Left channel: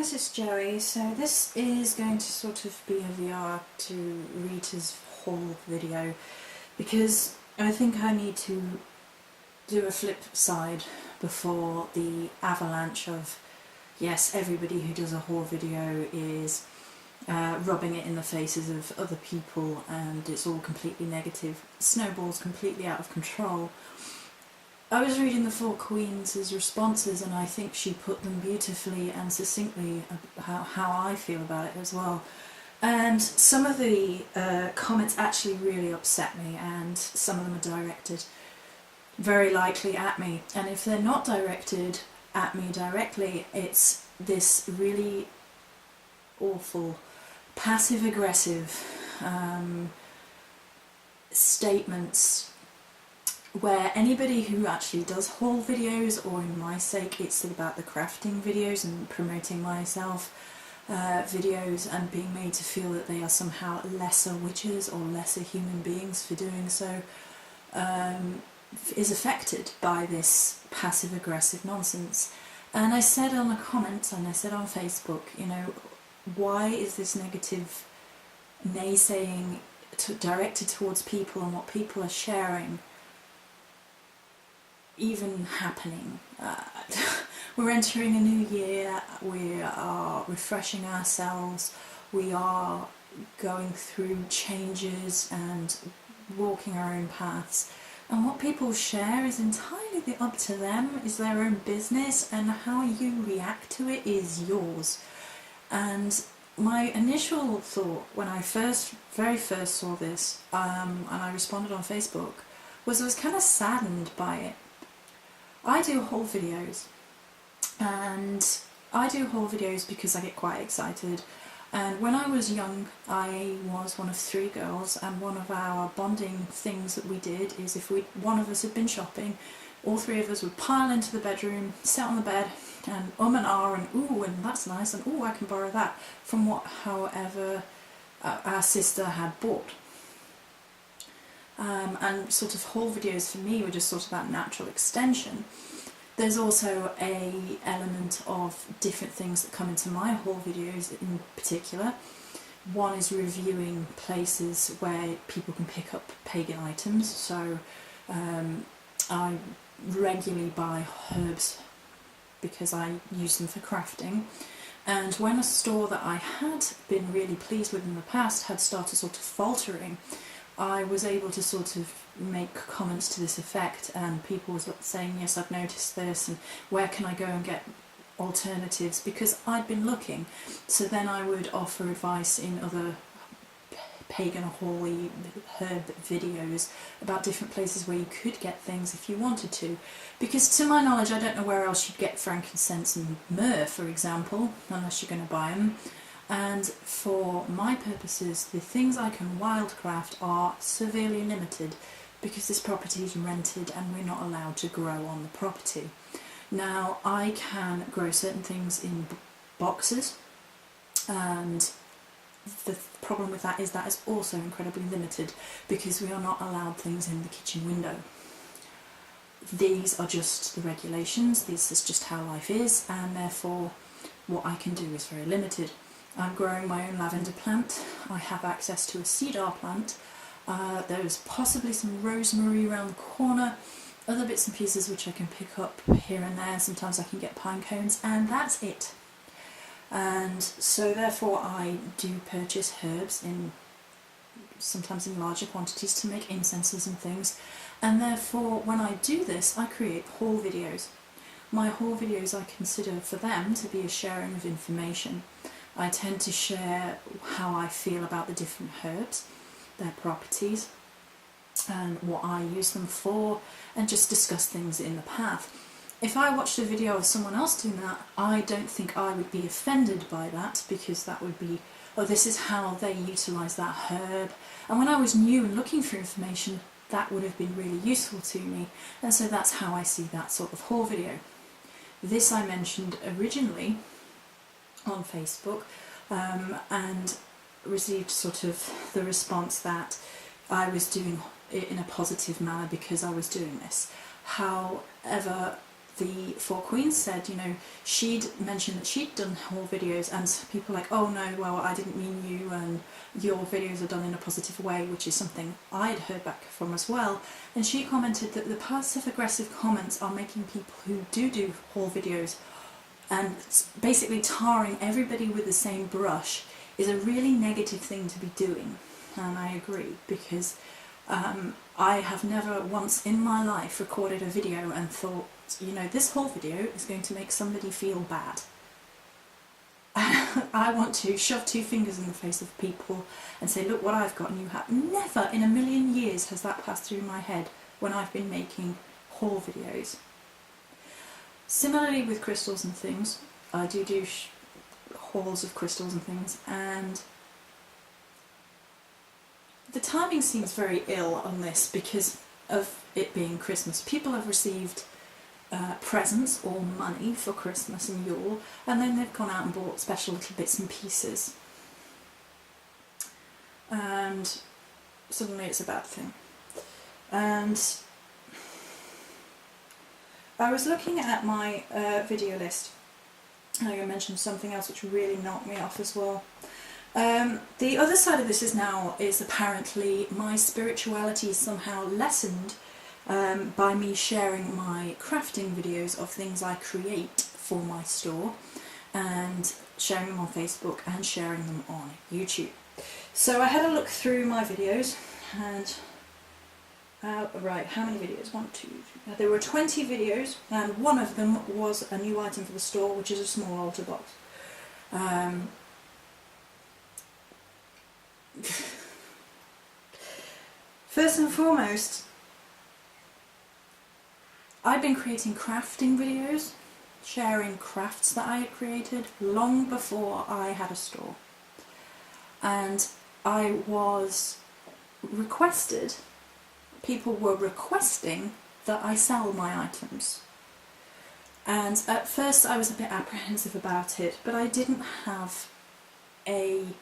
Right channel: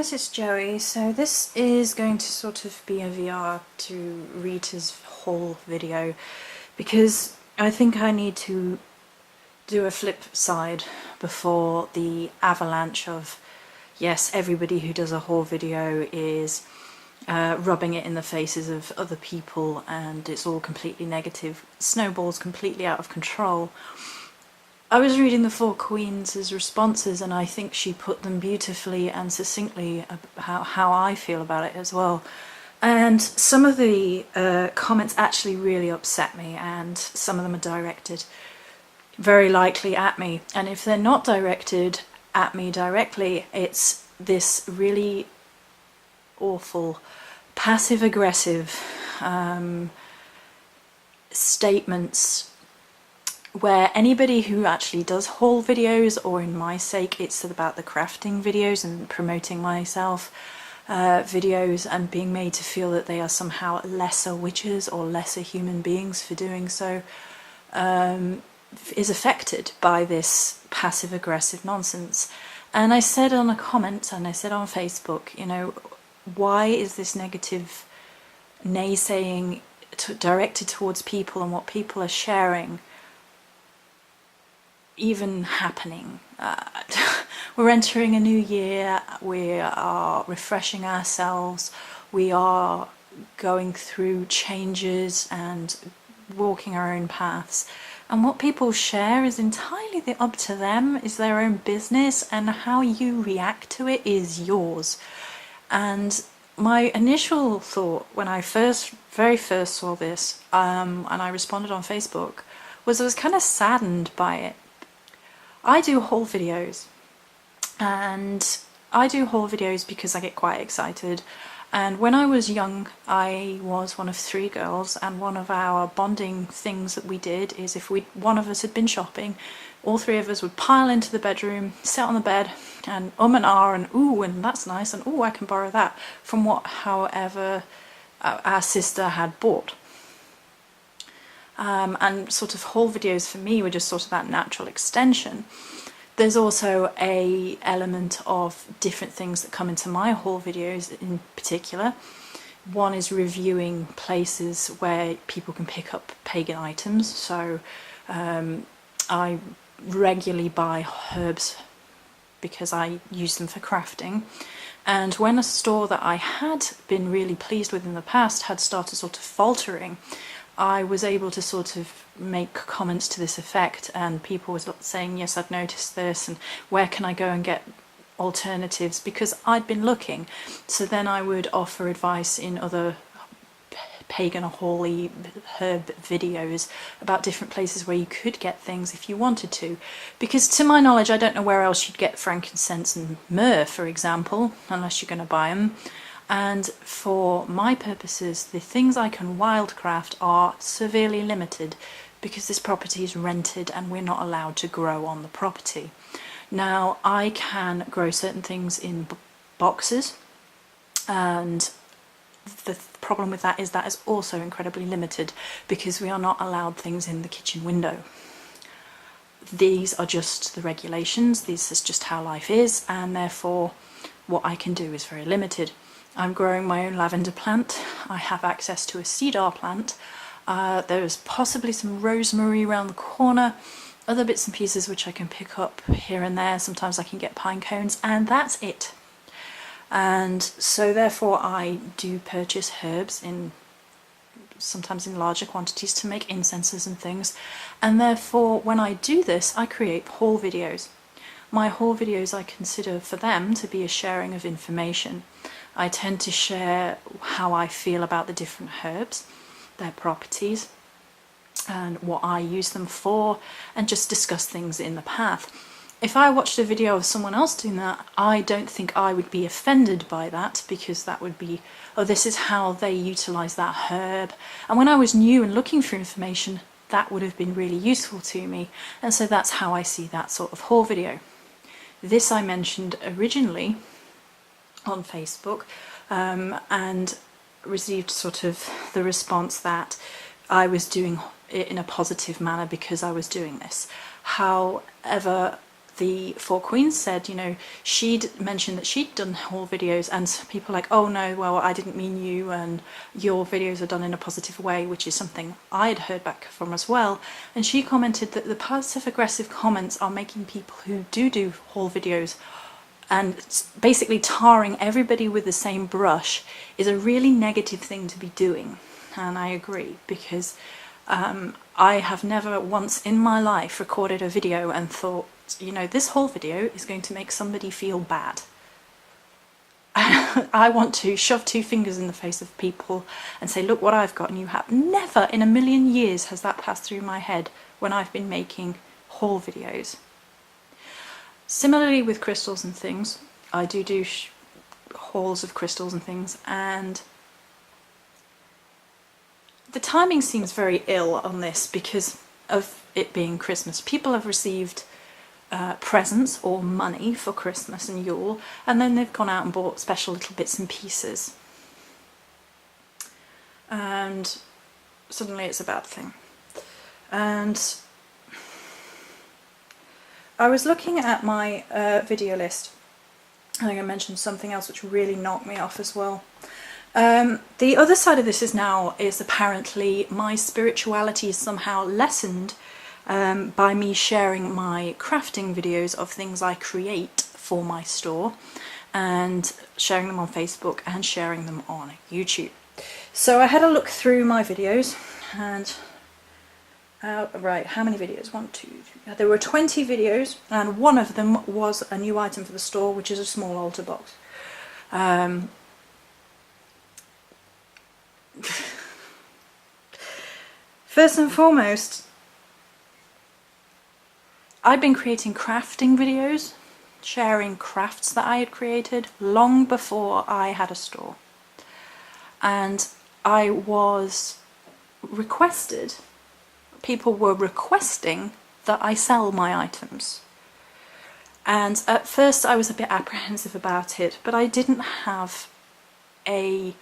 guys, it's Joey. So this is going to sort of be a VR to Rita's haul video because I think I need to do a flip side before the avalanche of, yes, everybody who does a haul video is rubbing it in the faces of other people and it's all completely negative, snowballs completely out of control. I was reading the Four Queens' responses and I think she put them beautifully and succinctly about how I feel about it as well. And some of the comments actually really upset me, and some of them are directed very likely at me. And if they're not directed at me directly, it's this really awful passive-aggressive statements where anybody who actually does haul videos, or in my sake it's about the crafting videos and promoting myself videos, and being made to feel that they are somehow lesser witches or lesser human beings for doing so, is affected by this passive aggressive nonsense. And I said on a comment, and I said on Facebook, you know, why is this negative naysaying directed towards people and what people are sharing even happening? We're entering a new year, we are refreshing ourselves, we are going through changes and walking our own paths, and what people share is entirely up to them, is their own business, and how you react to it is yours. And my initial thought when I very first saw this, and I responded on Facebook, was I was kind of saddened by it. I do haul videos, and I do haul videos because I get quite excited. And when I was young, I was one of 3 girls, and one of our bonding things that we did is if one of us had been shopping, all 3 of us would pile into the bedroom, sit on the bed, and and ah, and ooh, and that's nice, and ooh, I can borrow that, from however our sister had bought. And sort of haul videos for me were just sort of that natural extension. There's also a element of different things that come into my haul videos in particular. One is reviewing places where people can pick up pagan items. So I regularly buy herbs because I use them for crafting. And when a store that I had been really pleased with in the past had started sort of faltering, I was able to sort of make comments to this effect, and people were saying, yes, I've noticed this, and where can I go and get alternatives, because I'd been looking. So then I would offer advice in other pagan or holy herb videos about different places where you could get things if you wanted to, because to my knowledge I don't know where else you'd get frankincense and myrrh, for example, unless you're going to buy them. And for my purposes, the things I can wildcraft are severely limited because this property is rented and we're not allowed to grow on the property. Now, I can grow certain things in boxes, and the problem with that is also incredibly limited because we are not allowed things in the kitchen window. These are just the regulations, this is just how life is, and therefore what I can do is very limited. I'm growing my own lavender plant, I have access to a cedar plant, there's possibly some rosemary around the corner, other bits and pieces which I can pick up here and there, sometimes I can get pine cones, and that's it. And so therefore I do purchase herbs sometimes in larger quantities to make incenses and things, and therefore when I do this I create haul videos. My haul videos I consider for them to be a sharing of information. I tend to share how I feel about the different herbs, their properties, and what I use them for, and just discuss things in the path. If I watched a video of someone else doing that, I don't think I would be offended by that, because that would be, oh, this is how they utilise that herb. And when I was new and looking for information, that would have been really useful to me, and so that's how I see that sort of haul video. This I mentioned originally on Facebook, and received sort of the response that I was doing it in a positive manner because I was doing this. However, the Four Queens said, you know, she'd mentioned that she'd done haul videos, and people were like, oh no, well, I didn't mean you, and your videos are done in a positive way, which is something I'd heard back from as well. And she commented that the passive aggressive comments are making people who do haul videos and basically tarring everybody with the same brush is a really negative thing to be doing. And I agree, because I have never once in my life recorded a video and thought, you know, this whole video is going to make somebody feel bad. I want to shove two fingers in the face of people and say, look what I've got and you have. Never in a million years has that passed through my head when I've been making haul videos. Similarly with crystals and things, I do hauls of crystals and things, and the timing seems very ill on this because of it being Christmas. People have received presents or money for Christmas and Yule, and then they've gone out and bought special little bits and pieces. And suddenly it's a bad thing. And I was looking at my video list. I think I mentioned something else which really knocked me off as well. The other side of this is apparently my spirituality is somehow lessened by me sharing my crafting videos of things I create for my store, and sharing them on Facebook and sharing them on YouTube. So I had a look through my videos, and right, how many videos? 1, 2, 3. There were 20 videos, and one of them was a new item for the store, which is a small altar box. First and foremost, I'd been creating crafting videos, sharing crafts that I had created long before I had a store. And I was requested, people were requesting that I sell my items. And at first I was a bit apprehensive about it, but I didn't have a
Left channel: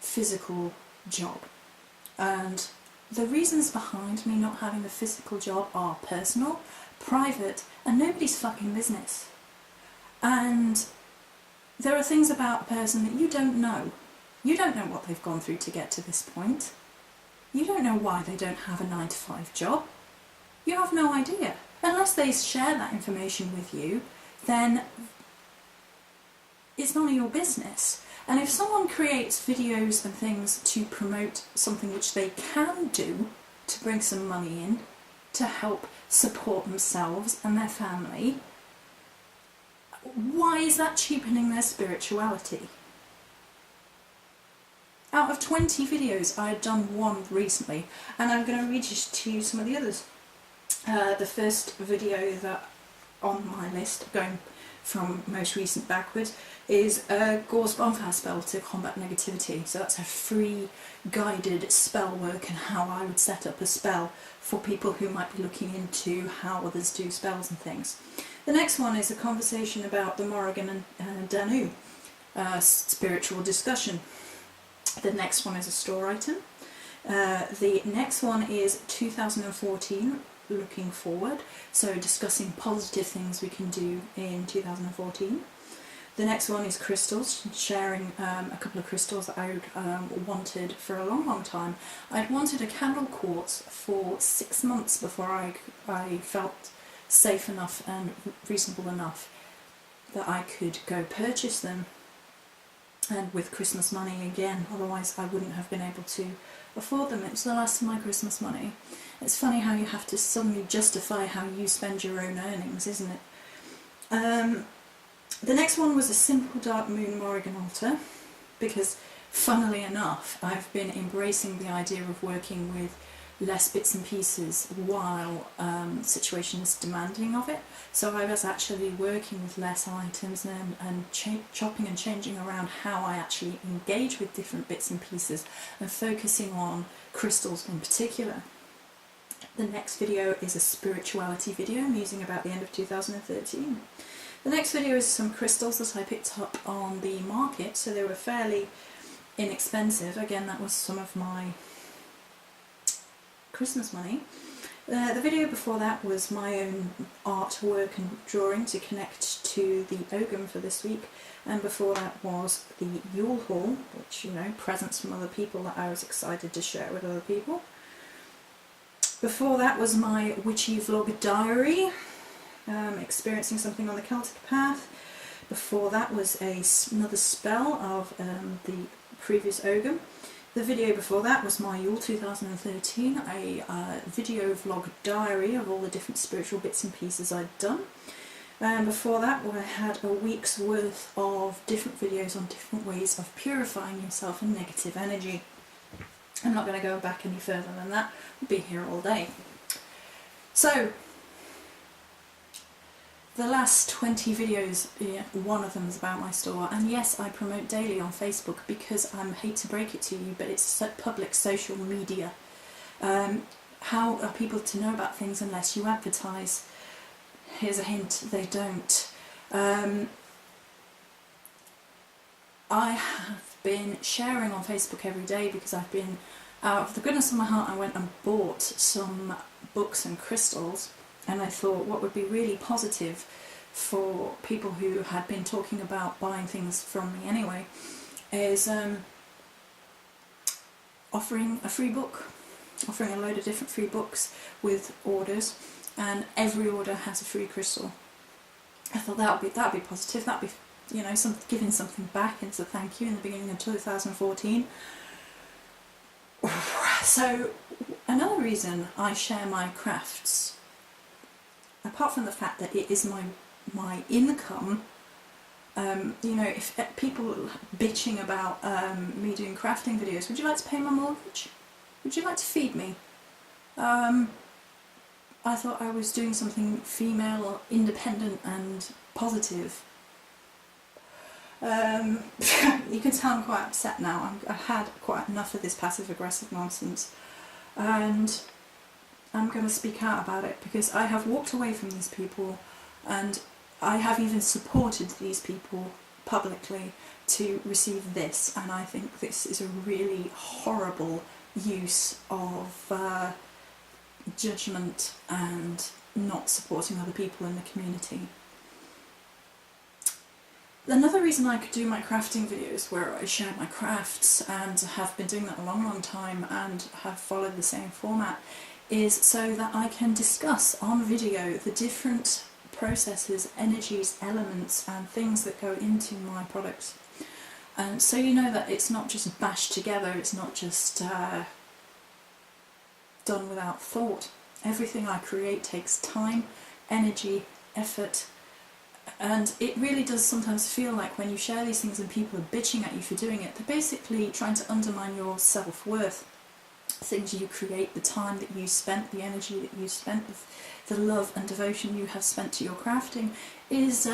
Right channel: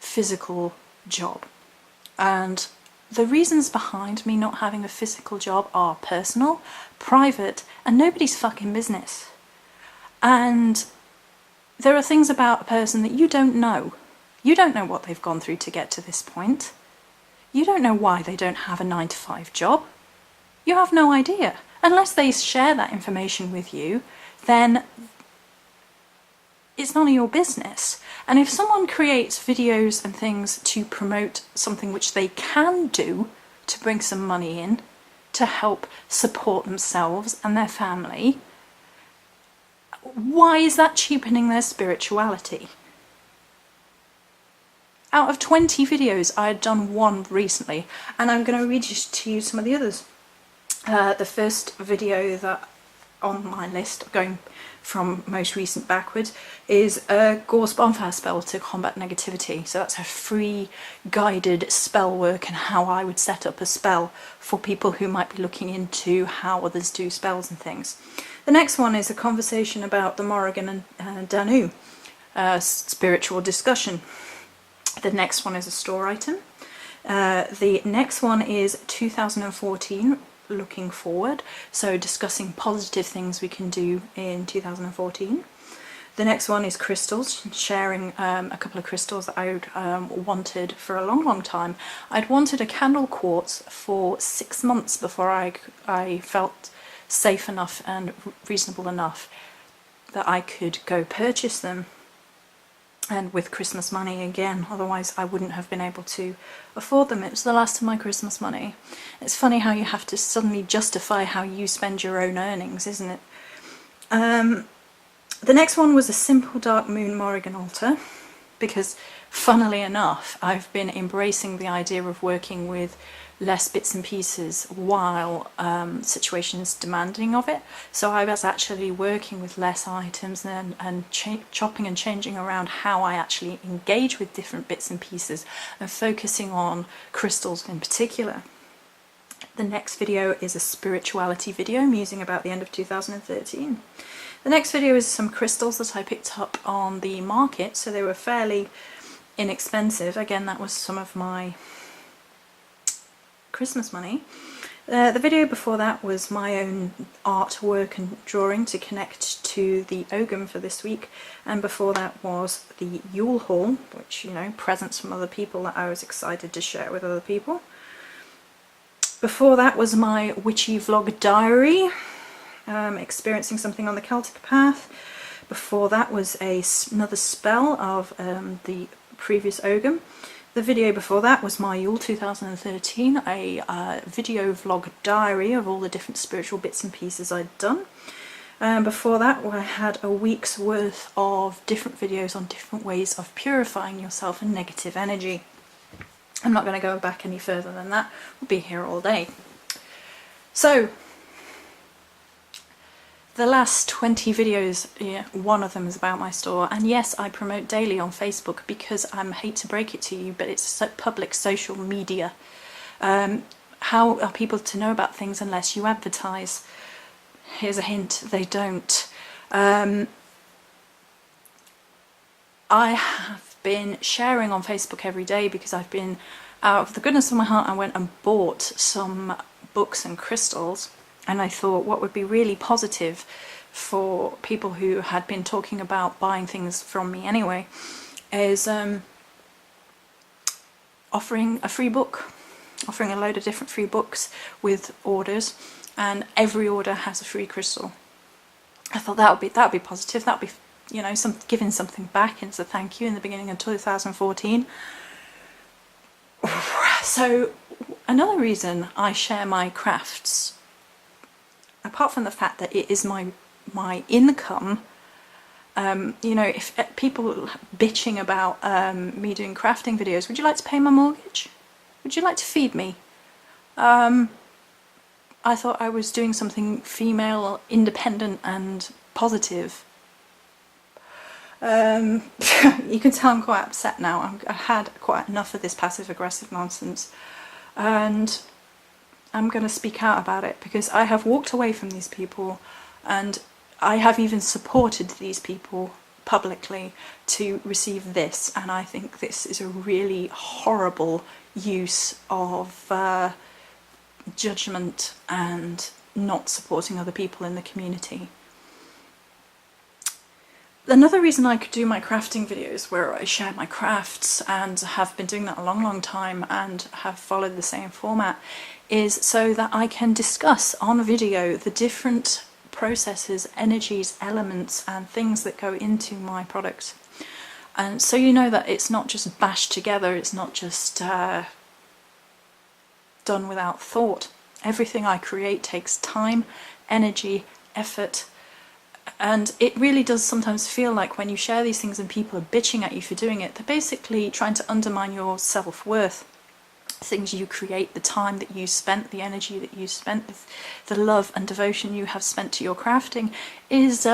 physical job. And the reasons behind me not having a physical job are personal, private, and nobody's fucking business. And there are things about a person that you don't know. You don't know what they've gone through to get to this point. You don't know why they don't have a 9-to-5 job. You have no idea. Unless they share that information with you, then it's none of your business. And if someone creates videos and things to promote something which they can do to bring some money in, to help support themselves and their family, why is that cheapening their spirituality? Out of 20 videos, I had done one recently, and I'm going to read to you some of the others. The first video that on my list, going from most recent backwards, is a Gorse Bonfire spell to combat negativity. So that's a free guided spell work and how I would set up a spell for people who might be looking into how others do spells and things. The next one is a conversation about the Morrigan and Danu, spiritual discussion. The next one is a store item. The next one is 2014, looking forward, so discussing positive things we can do in 2014. The next one is crystals, sharing a couple of crystals that I wanted for a long time. I'd wanted a candle quartz for 6 months before I felt safe enough and reasonable enough that I could go purchase them, and with Christmas money again, otherwise I wouldn't have been able to afford them. It was the last of my Christmas money. It's funny how you have to suddenly justify how you spend your own earnings, isn't it? The next one was a simple Dark Moon Morrigan altar, because funnily enough I've been embracing the idea of working with less bits and pieces while situations demanding of it. So I was actually working with less items and chopping and changing around how I actually engage with different bits and pieces, and focusing on crystals in particular. The next video is a spirituality video, musing about the end of 2013. The next video is some crystals that I picked up on the market, so they were fairly inexpensive. Again, that was some of my Christmas money. The video before that was my own artwork and drawing to connect to the Ogham for this week, and before that was the Yule Haul, which, you know, presents from other people that I was excited to share with other people. Before that was my witchy vlog diary, experiencing something on the Celtic path. Before that was another spell of the previous Ogham. The video before that was my Yule 2013, a video vlog diary of all the different spiritual bits and pieces I'd done. Before that I had a week's worth of different videos on different ways of purifying yourself and negative energy. I'm not going to go back any further than that, we'll be here all day. So, the last 20 videos, yeah, one of them is about my store, and yes, I promote daily on Facebook because I hate to break it to you, but it's public social media. How are people to know about things unless you advertise? Here's a hint, they don't. I have been sharing on Facebook every day because I've been, out of the goodness of my heart, I went and bought some books and crystals, and I thought what would be really positive for people who had been talking about buying things from me anyway is offering a free book, offering a load of different free books with orders, and every order has a free crystal. I thought that would be positive, that would be, you know, giving something back as a thank you in the beginning of 2014. So another reason I share my crafts, apart from the fact that it is my income, you know, if people bitching about me doing crafting videos, would you like to pay my mortgage? Would you like to feed me? I thought I was doing something female, independent and positive. You can tell I'm quite upset now. I've had quite enough of this passive aggressive nonsense, and I'm going to speak out about it because I have walked away from these people, and I have even supported these people publicly to receive this, and I think this is a really horrible use of judgment and not supporting other people in the community. Another reason I could do my crafting videos where I share my crafts, and have been doing that a long time and have followed the same format, is so that I can discuss on video the different processes, energies, elements and things that go into my products. And so you know that it's not just bashed together, it's not just done without thought. Everything I create takes time, energy, effort, and it really does sometimes feel like when you share these things and people are bitching at you for doing it, they're basically trying to undermine your self-worth. Things you create, the time that you spent, the energy that you spent, the love and devotion you have spent to your crafting is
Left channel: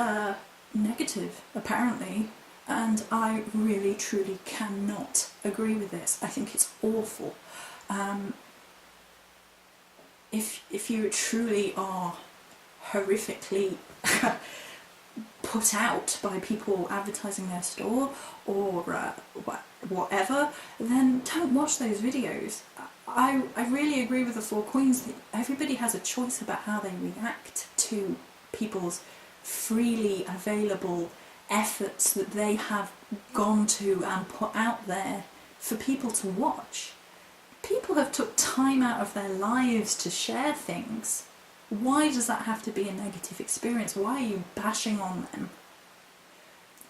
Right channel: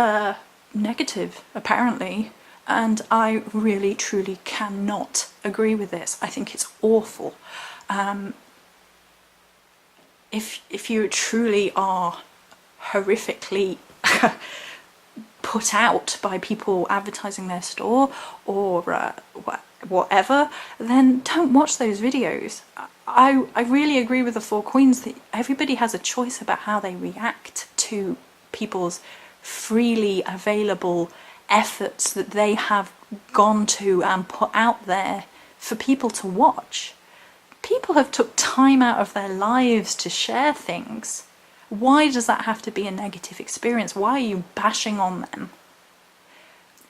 negative, apparently, and I really truly cannot agree with this. I think it's awful. If you truly are horrifically put out by people advertising their store or whatever, then don't watch those videos. I really agree with the Four Queens that everybody has a choice about how they react to people's freely available efforts that they have gone to and put out there for people to watch. People have took time out of their lives to share things. Why does that have to be a negative experience? Why are you bashing on them?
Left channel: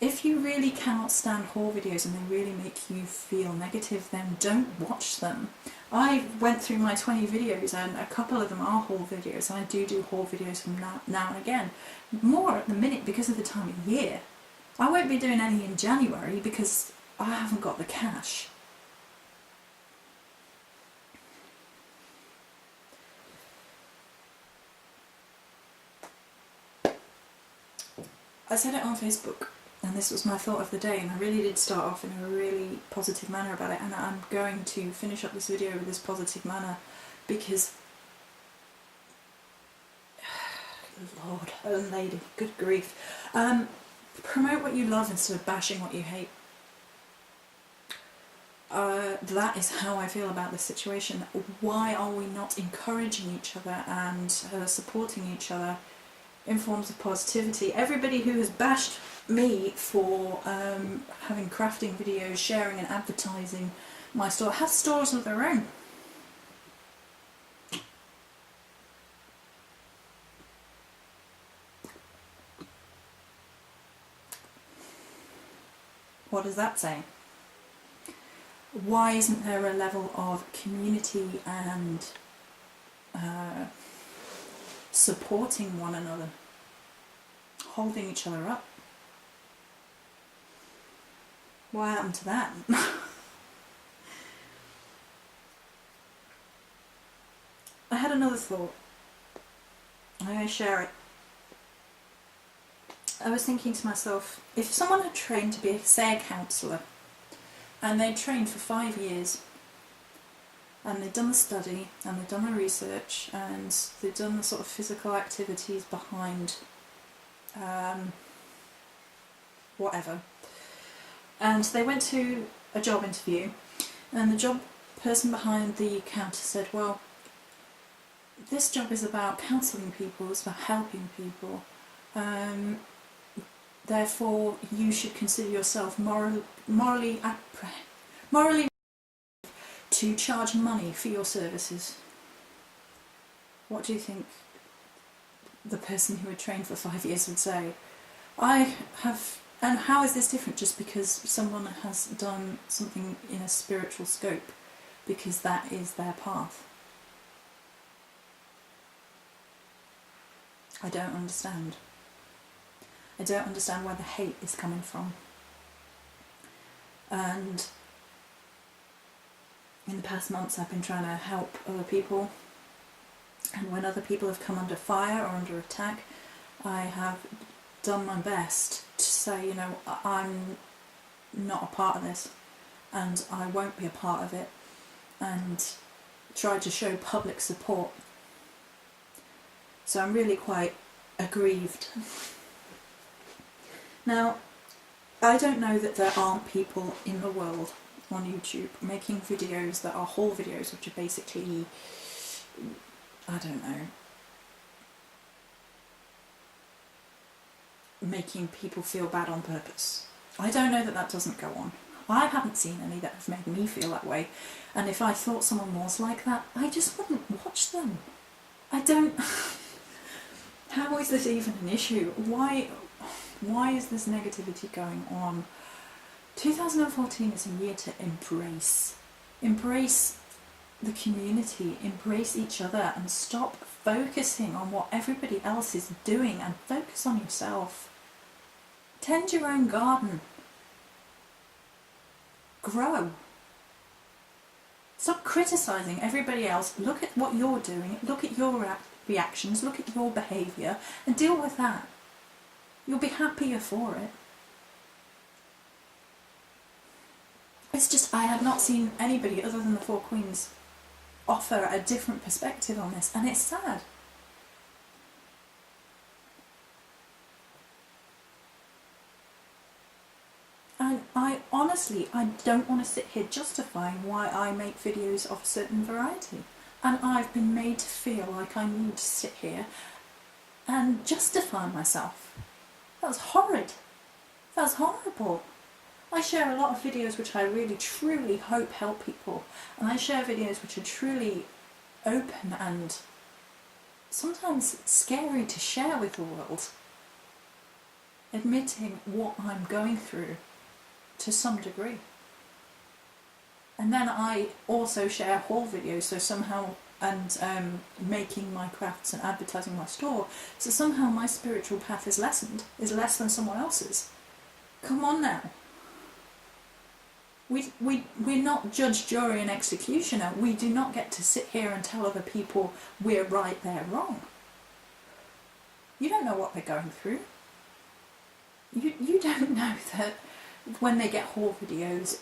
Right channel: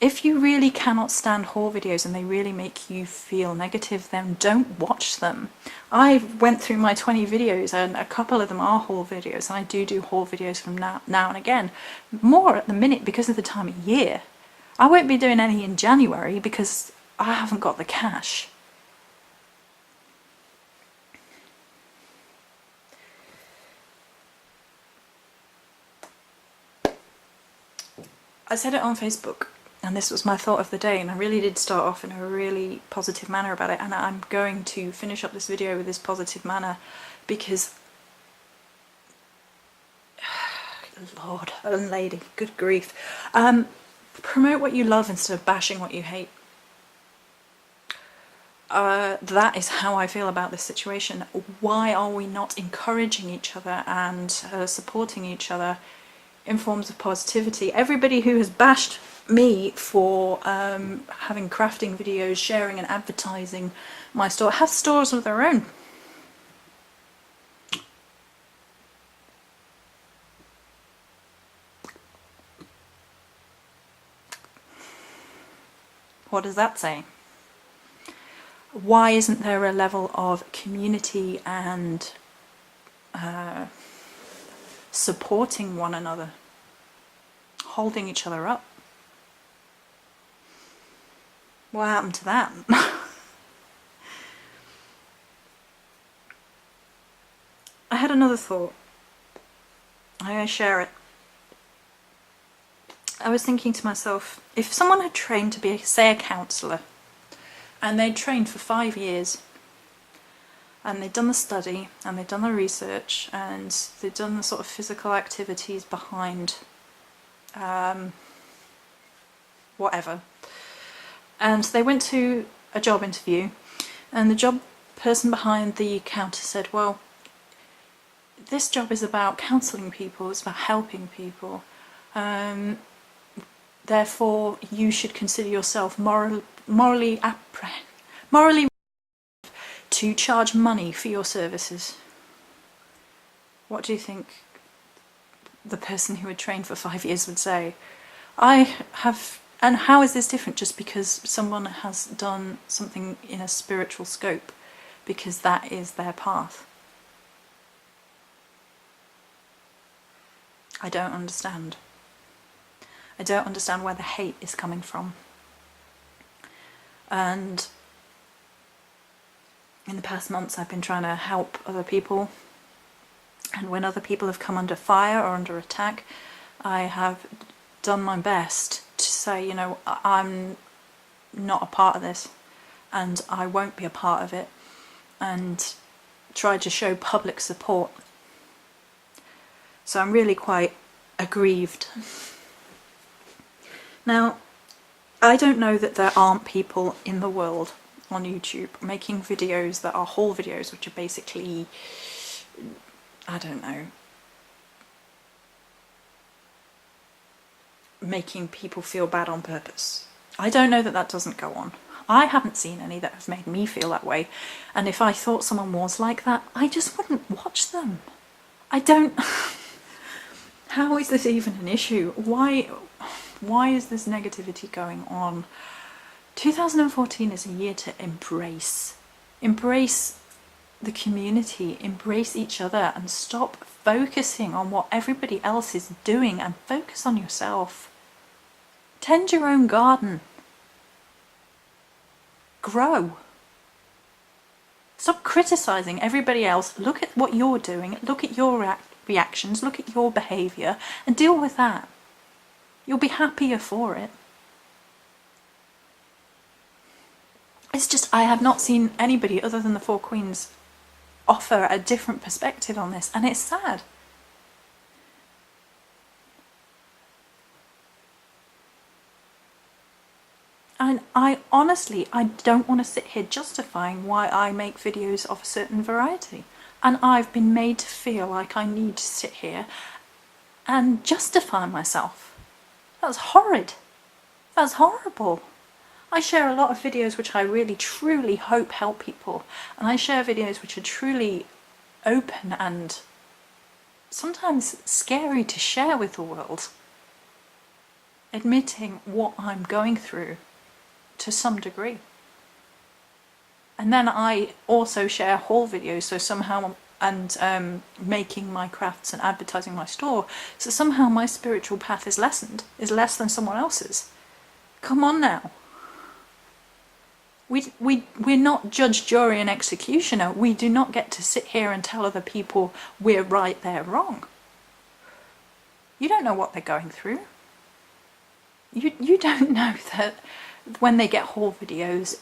If you really cannot stand haul videos and they really make you feel negative, then don't watch them. I went through my 20 videos and a couple of them are haul videos, and I do haul videos from now and again. More at the minute because of the time of year. I won't be doing any in January because I haven't got the cash. I said it on Facebook, and this was my thought of the day, and I really did start off in a really positive manner about it, and I'm going to finish up this video with this positive manner because Lord and lady, good grief. Promote what you love instead of bashing what you hate. that is how I feel about this situation. Why are we not encouraging each other and supporting each other in forms of positivity? Everybody who has bashed me for having crafting videos, sharing and advertising my store, have stores of their own. What does that say? Why isn't there a level of community and supporting one another, holding each other up? What happened to that? I had another thought. I'm going to share it. I was thinking to myself, if someone had trained to be, say, a counsellor, and they'd trained for 5 years, and they'd done the study, and they'd done the research, and they'd done the sort of physical activities behind whatever, and they went to a job interview, and the job person behind the counter said, well, this job is about counselling people, it's about helping people, therefore you should consider yourself morally to charge money for your services. What do you think the person who had trained for 5 years would say? And how is this different just because someone has done something in a spiritual scope, because that is their path? I don't understand. I don't understand where the hate is coming from. And in the past months I've been trying to help other people, and when other people have come under fire or under attack, I have done my best to say, you know, I'm not a part of this and I won't be a part of it, and try to show public support. So I'm really quite aggrieved. Now, I don't know that there aren't people in the world on YouTube making videos that are haul videos, which are basically, I don't know, making people feel bad on purpose. I don't know that that doesn't go on. I haven't seen any that have made me feel that way, and if I thought someone was like that, I just wouldn't watch them. I don't... How is this even an issue? Why is this negativity going on? 2014 is a year to embrace the community, embrace each other, and stop focusing on what everybody else is doing and focus on yourself. Tend your own garden. Grow. Stop criticising everybody else. Look at what you're doing, look at your reactions, look at your behaviour, and deal with that. You'll be happier for it. It's just, I have not seen anybody other than the Four Queens offer a different perspective on this, and it's sad. And I honestly, I don't want to sit here justifying why I make videos of a certain variety. And I've been made to feel like I need to sit here and justify myself. That's horrid. That's horrible. I share a lot of videos which I really truly hope help people, and I share videos which are truly open and sometimes scary to share with the world, admitting what I'm going through to some degree. And then I also share haul videos, so somehow, and making my crafts and advertising my store, so somehow my spiritual path is lessened, is less than someone else's. Come on now. We're not judge, jury and executioner. We do not get to sit here and tell other people we're right, they're wrong. You don't know what they're going through. You don't know that when they get haul videos,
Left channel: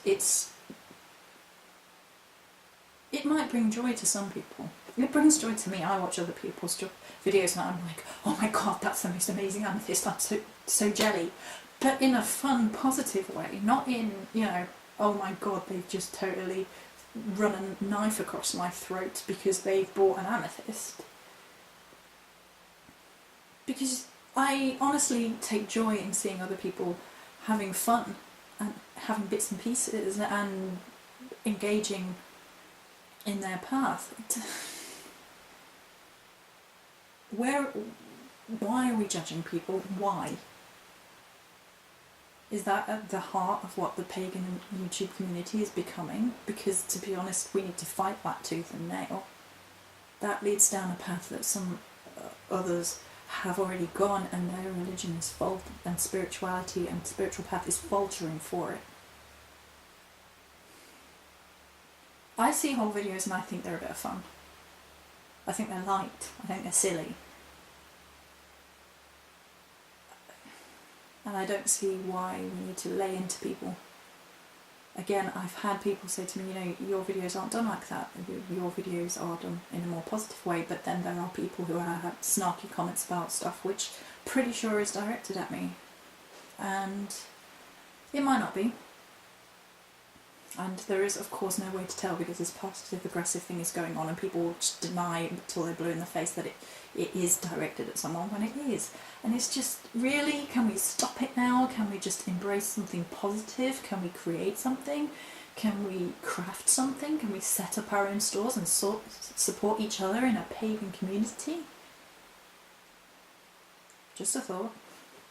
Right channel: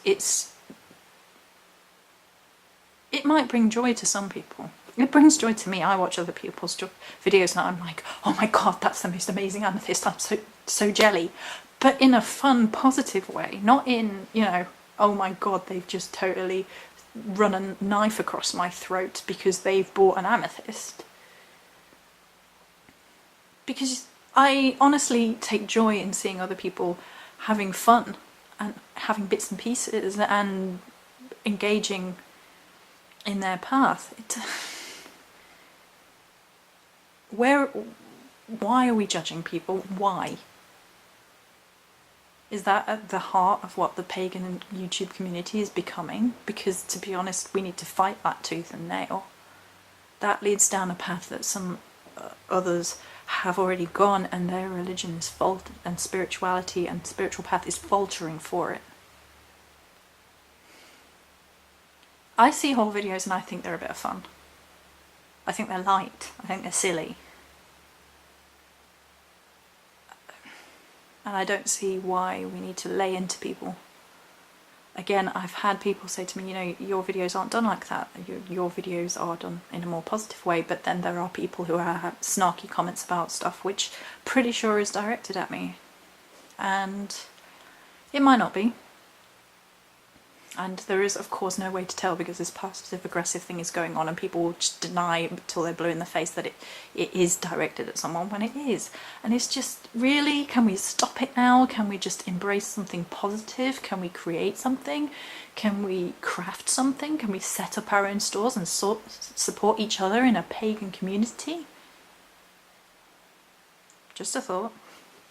it might bring joy to some people. It brings joy to me. I watch other people's videos and I'm like, oh my god, that's the most amazing amethyst, I'm so jelly. But in a fun, positive way, not in, you know, oh my god, they've just totally run a knife across my throat because they've bought an amethyst. Because I honestly take joy in seeing other people having fun and having bits and pieces and engaging in their path. Why are we judging people? Why? Is that at the heart of what the pagan YouTube community is becoming? Because, to be honest, we need to fight that tooth and nail. That leads down a path that some others have already gone, and their religion is and spirituality and spiritual path is faltering for it. I see whole videos and I think they're a bit of fun. I think they're light. I think they're silly. And I don't see why we need to lay into people. Again, I've had people say to me, you know, your videos aren't done like that. Your videos are done in a more positive way. But then there are people who have snarky comments about stuff which pretty sure is directed at me. And it might not be. And there is, of course, no way to tell because this passive-aggressive thing is going on and people will just deny until they're blue in the face that it is directed at someone when it is. And it's just, really, can we stop it now? Can we just embrace something positive? Can we create something? Can we craft something? Can we set up our own stores and support each other in a pagan community? Just a thought.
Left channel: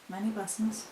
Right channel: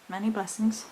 Many blessings.